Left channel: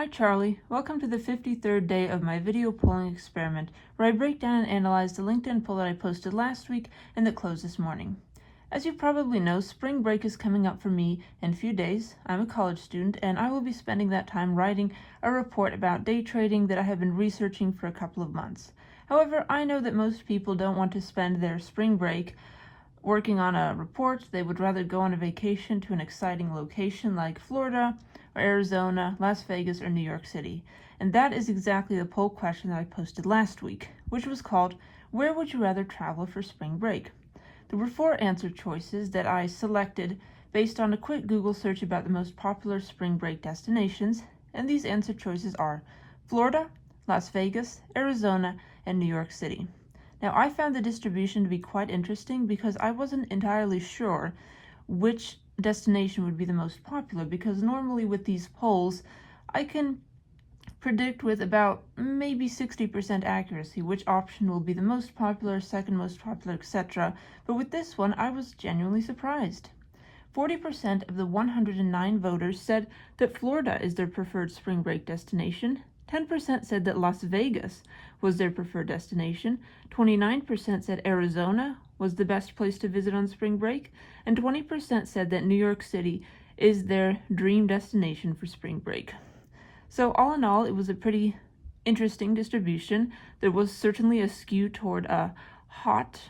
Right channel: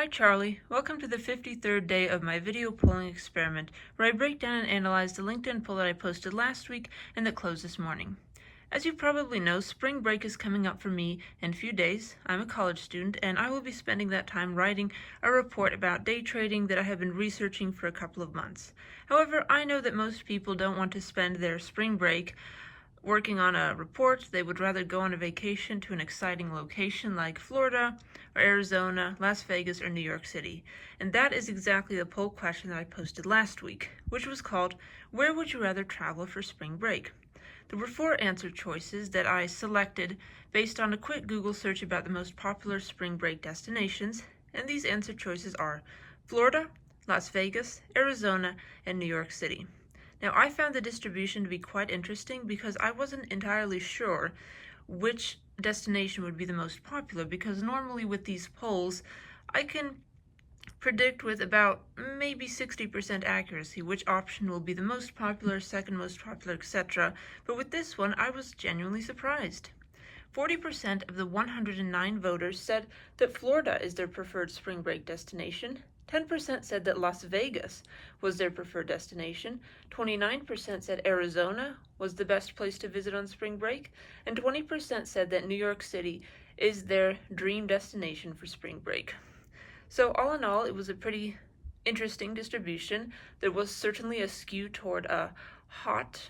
Hi Charlie, welcome to the 53rd day of my video polling experiment where I break down and analyze the LinkedIn poll that I posted last week and that closed this morning. As you probably know, spring break is coming up for me in a few days. I'm a college student and I will be spending that time writing a report about day trading that I have been researching for a couple of months. However, I know that most people don't want to spend their spring break working on a report. They would rather go on a vacation to an exciting location like Florida or Arizona, Las Vegas, or New York City. And that is exactly the poll question that I posted last week, which was called, "Where would you rather travel for spring break?" There were 4 answer choices that I selected based on a quick Google search about the most popular spring break destinations, and these answer choices are Florida, Las Vegas, Arizona, and New York City. Now, I found the distribution to be quite interesting because I wasn't entirely sure which destination would be the most popular, because normally with these polls, I can predict with about maybe 60% accuracy which option will be the most popular, second most popular, etc. But with this one, I was genuinely surprised. 40% of the 109 voters said that Florida is their preferred spring break destination. 10% said that Las Vegas was their preferred destination. 29% said Arizona was the best place to visit on spring break. And 20% said that New York City is their dream destination for spring break. So all in all, it was a pretty interesting distribution. There was certainly a skew toward hot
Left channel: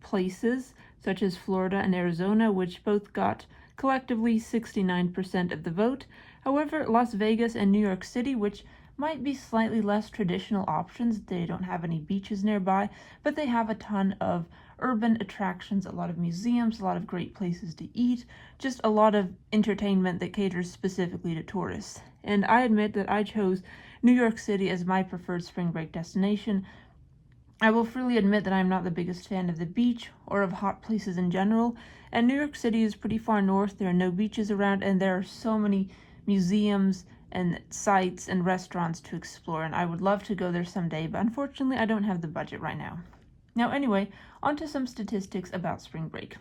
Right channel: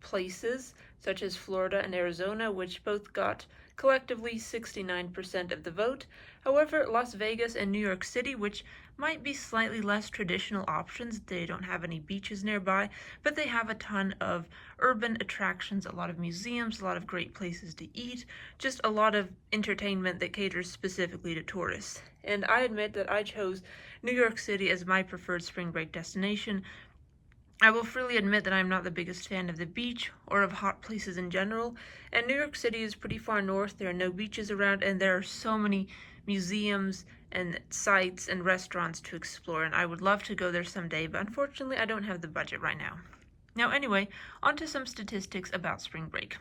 places such as Florida and Arizona, which both got collectively 69% of the vote. However, Las Vegas and New York City, which might be slightly less traditional options, they don't have any beaches nearby, but they have a ton of urban attractions, a lot of museums, a lot of great places to eat, just a lot of entertainment that caters specifically to tourists. And I admit that I chose New York City as my preferred spring break destination. I will freely admit that I'm not the biggest fan of the beach or of hot places in general, and New York City is pretty far north. There are no beaches around, and there are so many museums and sites and restaurants to explore, and I would love to go there someday, but unfortunately I don't have the budget right now. Now anyway, on to some statistics about spring break.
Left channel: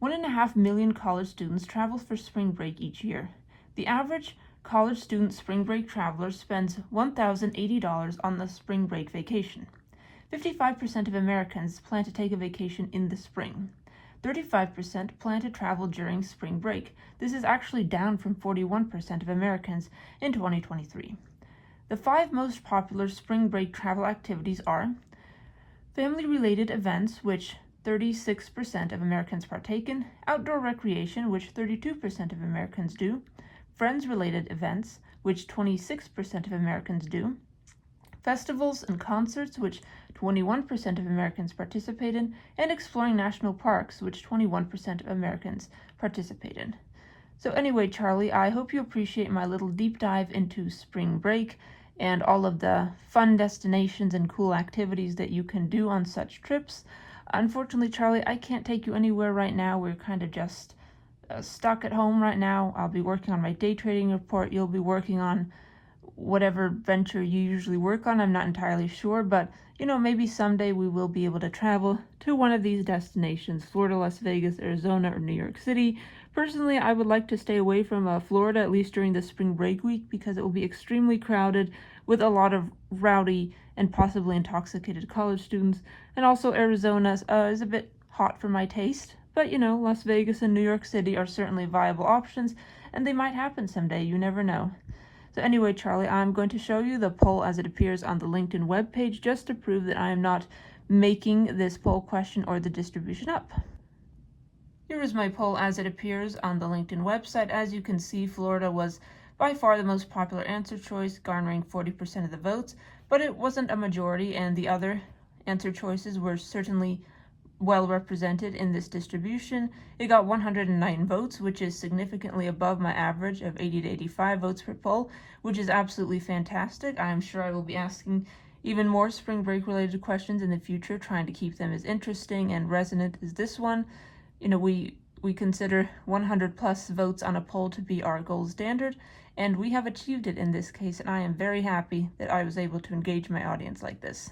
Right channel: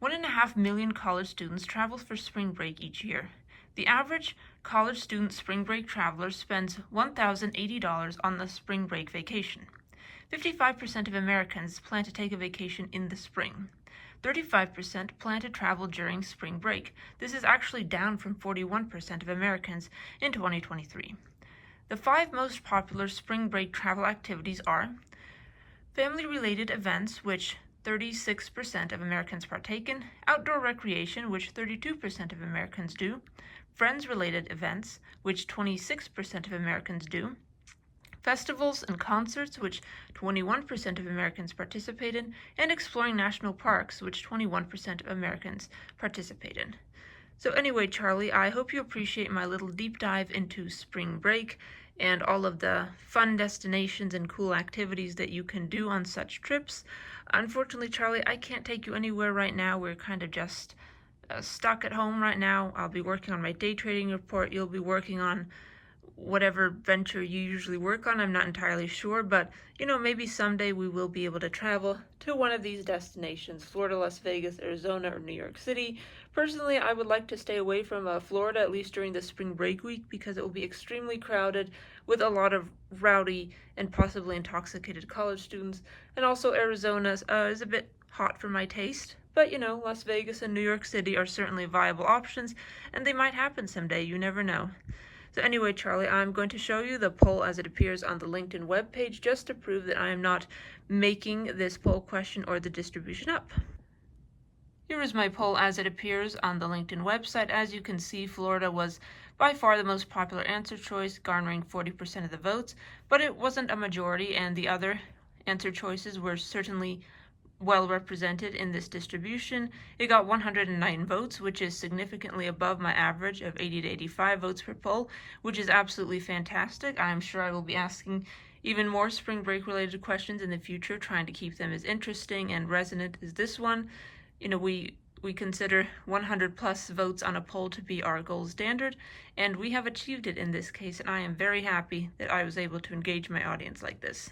1.5 million college students travel for spring break each year. The average college student spring break traveler spends $1,080 on the spring break vacation. 55% of Americans plan to take a vacation in the spring. 35% plan to travel during spring break. This is actually down from 41% of Americans in 2023. The 5 most popular spring break travel activities are family-related events, which 36% of Americans partake in, outdoor recreation, which 32% of Americans do, friends-related events, which 26% of Americans do, festivals and concerts, which 21% of Americans participate in, and exploring national parks, which 21% of Americans participate in. So anyway, Charlie, I hope you appreciate my little deep dive into spring break and all of the fun destinations and cool activities that you can do on such trips. Unfortunately, Charlie, I can't take you anywhere right now. We're kind of just stuck at home right now. I'll be working on my day trading report. You'll be working on whatever venture you usually work on. I'm not entirely sure, but maybe someday we will be able to travel to one of these destinations, Florida, Las Vegas, Arizona, or New York City. Personally, I would like to stay away from Florida, at least during the spring break week, because it will be extremely crowded with a lot of rowdy and possibly intoxicated college students. And also Arizona is a bit hot for my taste, but Las Vegas and New York City are certainly viable options, and they might happen someday. You never know. So anyway, Charlie, I'm going to show you the poll as it appears on the LinkedIn webpage, just to prove that I am not making this poll question or the distribution up. Here is my poll as it appears on the LinkedIn website. As you can see, Florida was by far the most popular answer choice, garnering 40% of the votes, but it wasn't a majority, and the other answer choices were certainly well represented in this distribution. It got 109 votes, which is significantly above my average of 80 to 85 votes per poll, which is absolutely fantastic. I'm sure I will be asking even more spring break related questions in the future, trying to keep them as interesting and resonant as this one. We consider 100 plus votes on a poll to be our gold standard, and we have achieved it in this case, and I am very happy that I was able to engage my audience like this.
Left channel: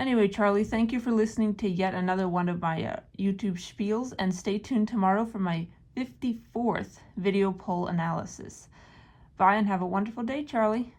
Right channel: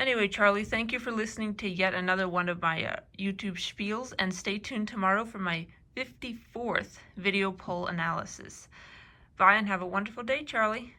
Anyway, Charlie, thank you for listening to yet another one of my YouTube spiels, and stay tuned tomorrow for my 54th video poll analysis. Bye and have a wonderful day, Charlie.